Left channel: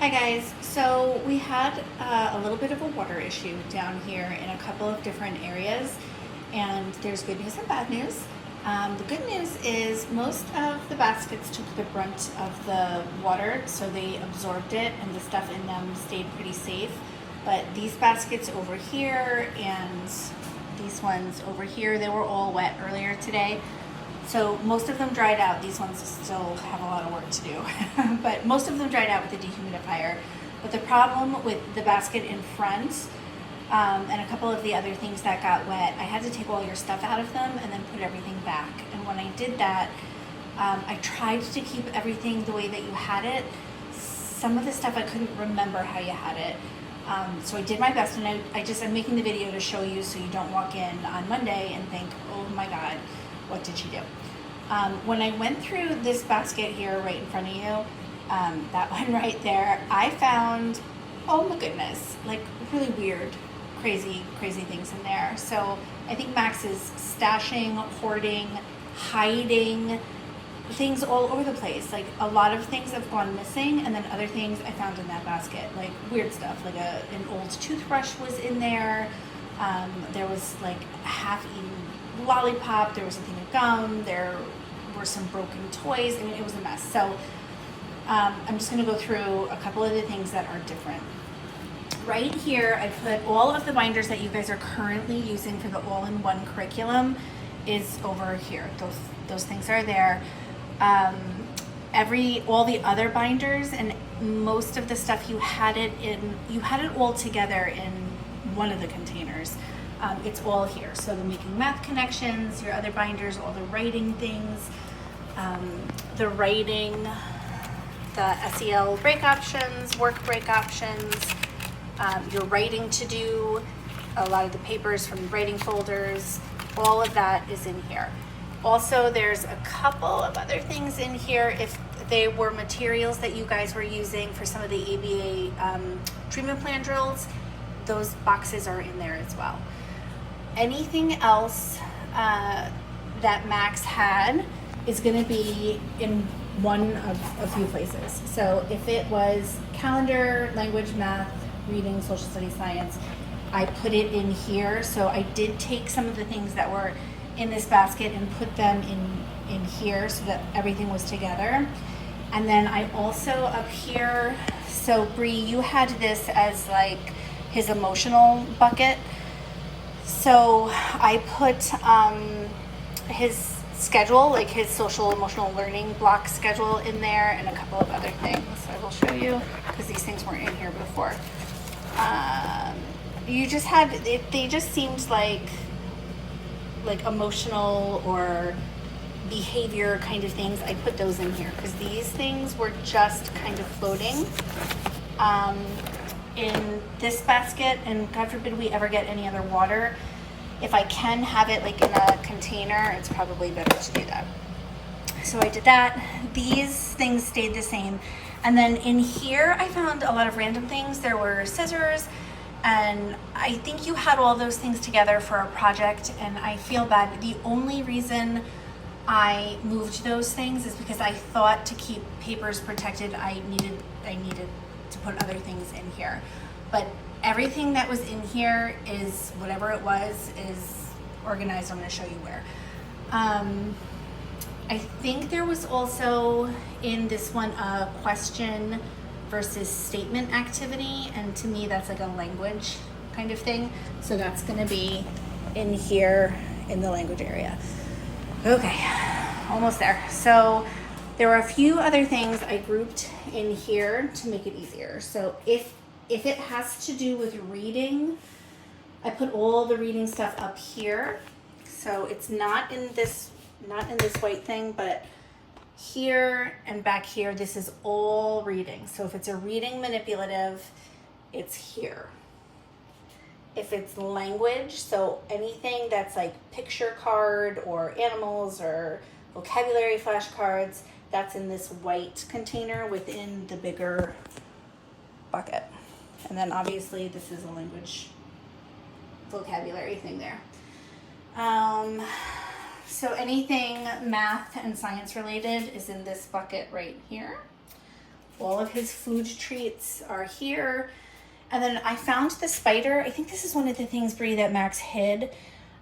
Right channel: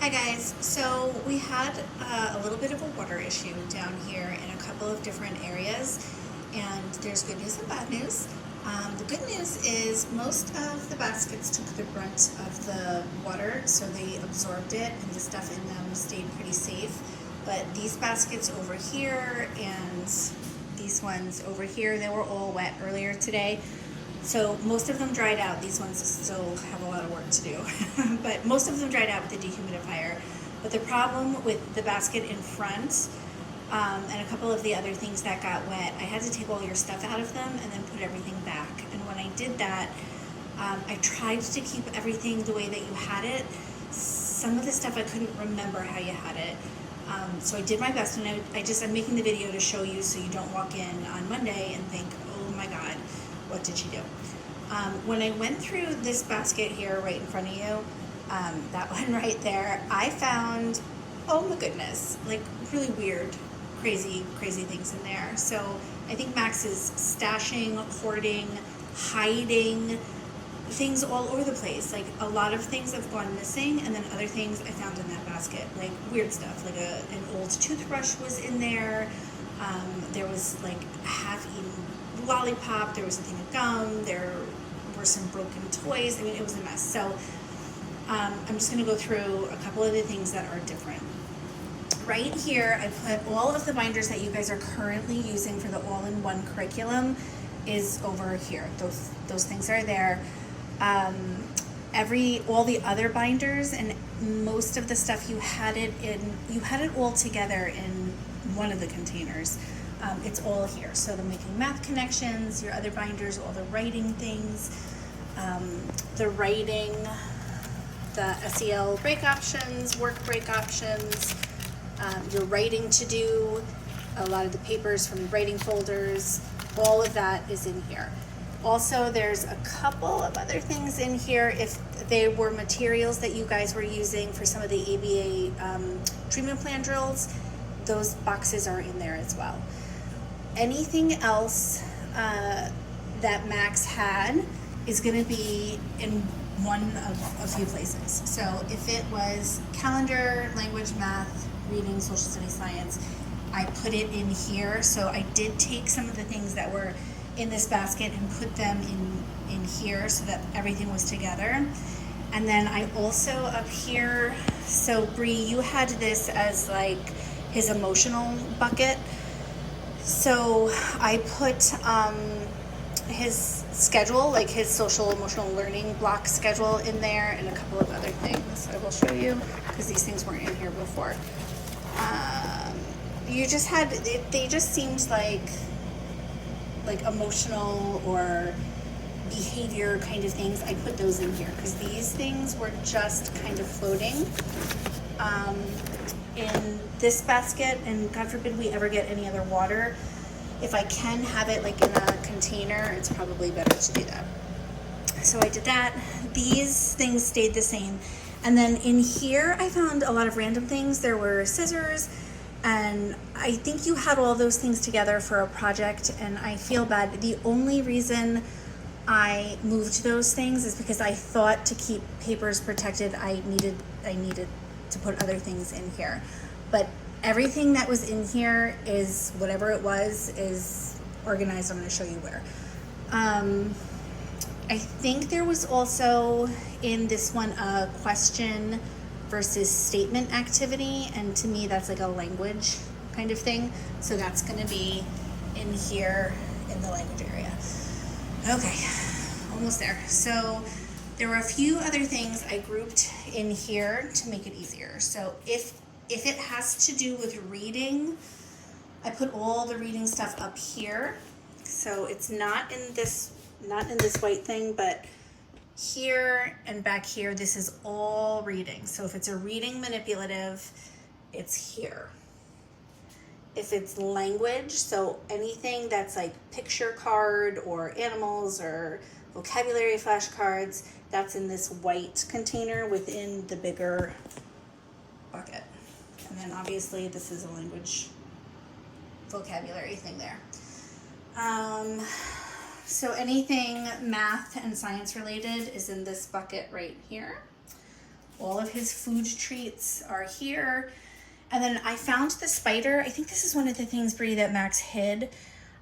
Hi guys, so we had a little bit of a water issue down here in a couple of different areas, and there's good news and bad news. The good news is most of the baskets took the brunt of the water, so they absorbed it and the stuff in them stayed pretty safe. But these baskets over here and these ones over here, they were all wet earlier today. So most of them dried out. These ones still have a lot of work to do, but most of them dried out with the dehumidifier. But the problem with the basket in front and a couple of the other things that got wet, I had to take all your stuff out of them and then put everything back. And when I did that, I tried to keep everything the way that you had it. Some of the stuff I couldn't remember how you had it. So I did my best, and I'm making the video to show you so you don't walk in on Monday and think, oh my God, what did she do? When I went through this basket here right in front of you, that one right there, I found, oh my goodness, like really weird, crazy things in there. So I think Max is stashing, hoarding, hiding things all over the place. Like a lot of things have gone missing, and then other things I found in that basket, like weird stuff, like an old toothbrush was in there. There was like a half-eaten lollipop, there was a thing of gum, there were some broken toys. I mean, it was a mess. So I'm just going to go through a couple of the things that are different. Right here, I put all of the binders that you guys are currently using for the all-in-one curriculum is over here. Those things are there. All the other binders and most of the stuff you had it all together in one of the containers. It's all here. So the Making Math Connections, your other binders, all the writing things, the SEL break options, work break options, your writing to do, a lot of the papers from the writing folders, all of that is in here. Also, there's a couple of other things in here. If they were materials that you guys were using for some of the ABA treatment plan drills, those boxes are in there as well. Anything else that Max had is going to be in one of a few places. So if it was calendar, language, math, reading, social studies, science, I put it in here. So I did take some of the things that were in this basket and put them in here so that everything was together. And then I also up here, so Bree, you had this as like his emotional bucket. So I put his schedule, like his social emotional learning block schedule in there, and a couple of other things. I will show you because these things weren't in here before. They just seemed like emotional or behavior kind of things. I put those in here because these things were just kind of floating in this basket, and God forbid we ever get any other water. If I can have it like in a container, it's probably better to do that. So I did that. These things stayed the same. And then in here, I found a lot of random things. There were scissors, and I think you had all those things together for a project, and I feel bad. The only reason I moved those things is because I thought to keep papers protected, I needed to put other things in here. But everything that was in here is whatever it was is organized. I'm going to show you where. I think there was also in this one a question versus statement activity, and to me that's like a language kind of thing. So that's going to be in here in the language area. Okay, almost there. So there were a few other things I grouped in here to make it easier. So if it has to do with reading, I put all the reading stuff up here. So it's not in this white thing, but here and back here, this is all reading. So if it's a reading manipulative, it's here. If it's language, so anything that's like picture card or animals or vocabulary flashcards, that's in this white container within the bigger bucket. And then obviously this is a language vocabulary thing there. So anything math and science related is in this bucket right here. All of his food treats are here. And then I found the spider. I think this is one of the things, Bree, that Max hid.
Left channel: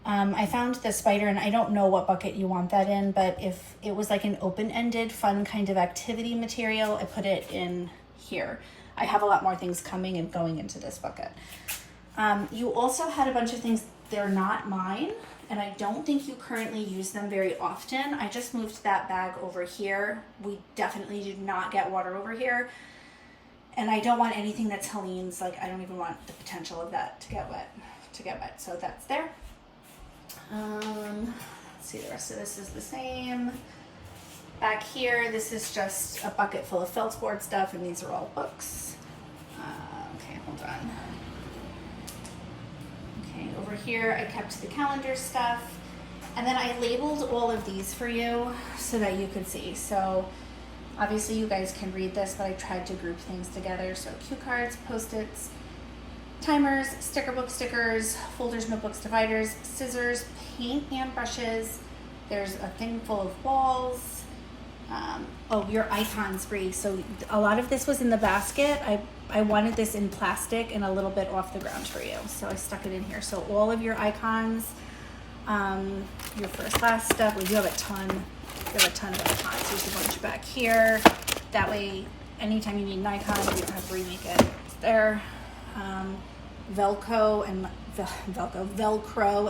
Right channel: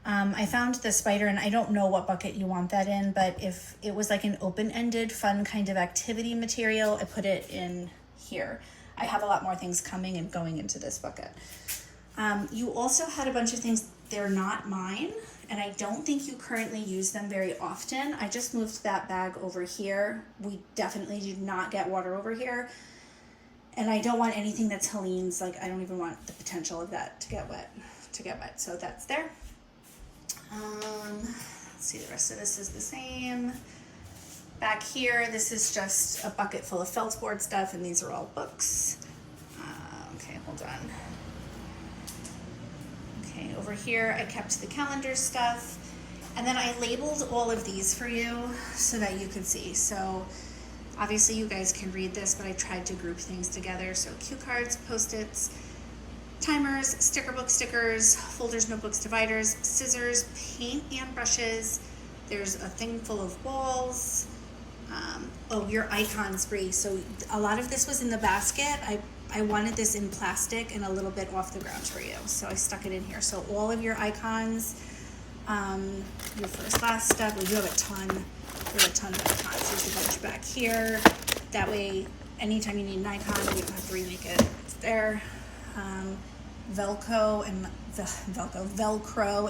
I found the spider, and I don't know what bucket you want that in, but if it was like an open-ended, fun kind of activity material, I put it in here. I have a lot more things coming and going into this bucket. You also had a bunch of things, they're not mine, and I don't think you currently use them very often. I just moved that bag over here. We definitely did not get water over here. And I don't want anything that's Helene's, like I don't even want the potential of that to get wet, So that's there. Let's see, the rest of this is the same. Back here, this is just a bucket full of felt board stuff, and these are all books. Okay, hold on. Okay, over here I kept the calendar stuff, and then I labeled all of these for you so that you could see. So obviously you guys can read this, but I tried to group things together. So cue cards, Post-its, timers, sticker book stickers, folders, notebooks, dividers, scissors, paint and brushes. There's a thing full of balls. Oh, your icons, Bree. So a lot of this was in the basket. I wanted this in plastic and a little bit off the ground for you, so I stuck it in here. So all of your icons, your first, last step. We do have a ton. We have a ton of icons. There's a bunch back here. That way, anytime you need an icon, you don't have to remake it. It's there. Velcro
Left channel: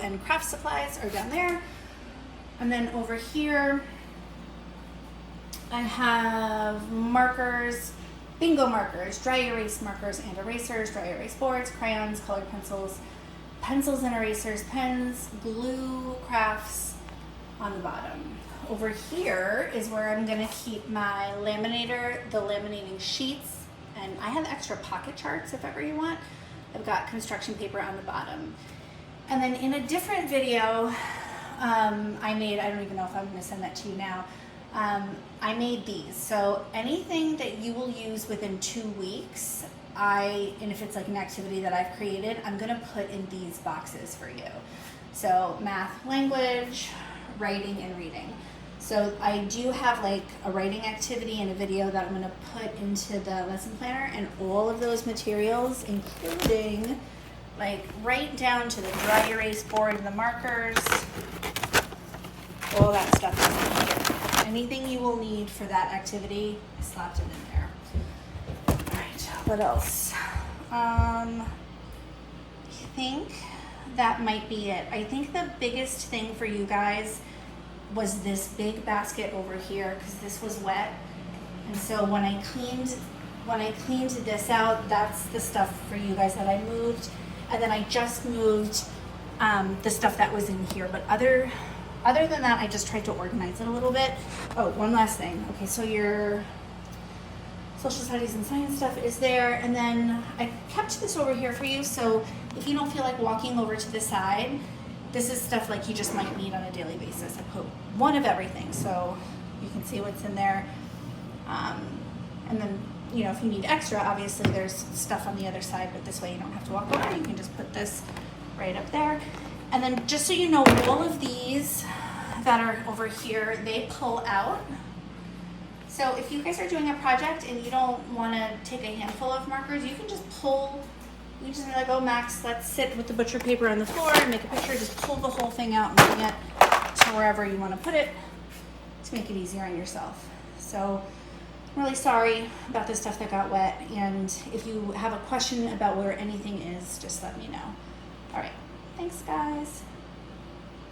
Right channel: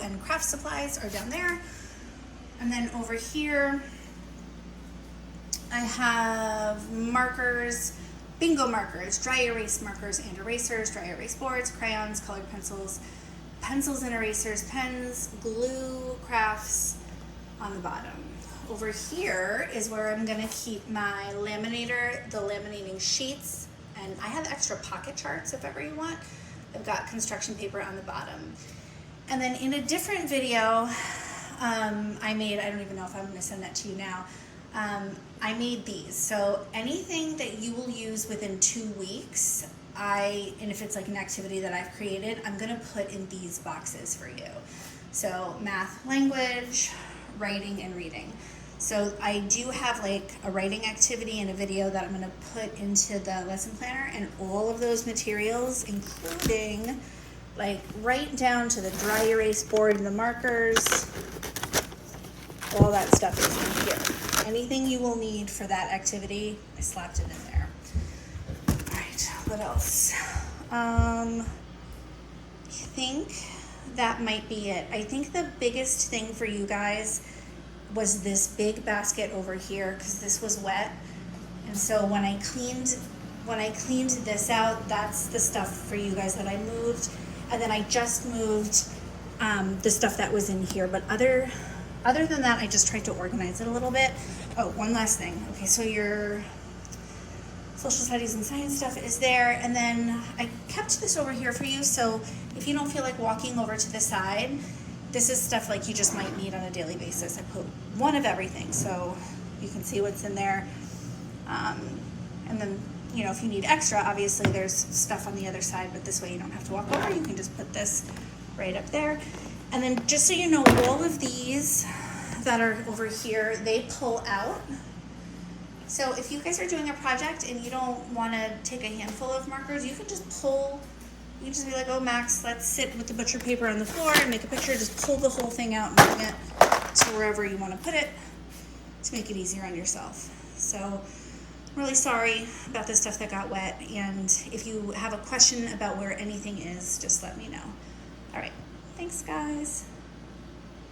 and craft supplies are down there. And then over here, I have markers, bingo markers, dry erase markers and erasers, dry erase boards, crayons, colored pencils, pencils and erasers, pens, glue, crafts on the bottom. Over here is where I'm gonna keep my laminator, the laminating sheets, and I have extra pocket charts if ever you want. I've got construction paper on the bottom. And then in a different video, I don't even know if I'm gonna send that to you now. I made these. So anything that you will use within 2 weeks, and if it's like an activity that I've created, I'm gonna put in these boxes for you. So math, language, writing, and reading. So I do have like a writing activity and a video that I'm gonna put into the lesson planner, and all of those materials, including like right down to the dry erase board and the markers, all that stuff is in here. Anything you will need for that activity, I slapped it in there. All right, what else? I think that might be it. I think the biggest thing for you guys was this big basket over here, because this was wet. And so when I cleaned this out, that's the stuff for you guys that I moved. And then I just moved the stuff that was in here. But other than that, I just tried to organize it a little bit. Oh, one last thing. Okay, so your social studies and science stuff is there. And then I kept this over here for you. So if you don't feel like walking over to the side, this is stuff like you just might need on a daily basis. I put one of everything so you can see what's in there. And then, you know, if you need extra, obviously there's stuff on the other side, but this way you don't have to walk over. You can just put this right up there. And then just so you know, all of these that are over here, they pull out. So if you guys are doing a project and you don't want to take a handful of markers, you can just pull. You can just be like, oh, Max, let's sit with the butcher paper on the floor and make a picture. Just pull the whole thing out and bring it to wherever you want to put it to make it easier on yourself. So I'm really sorry about the stuff that got wet. And if you have a question about where anything is, just let me know. All right. Thanks, guys.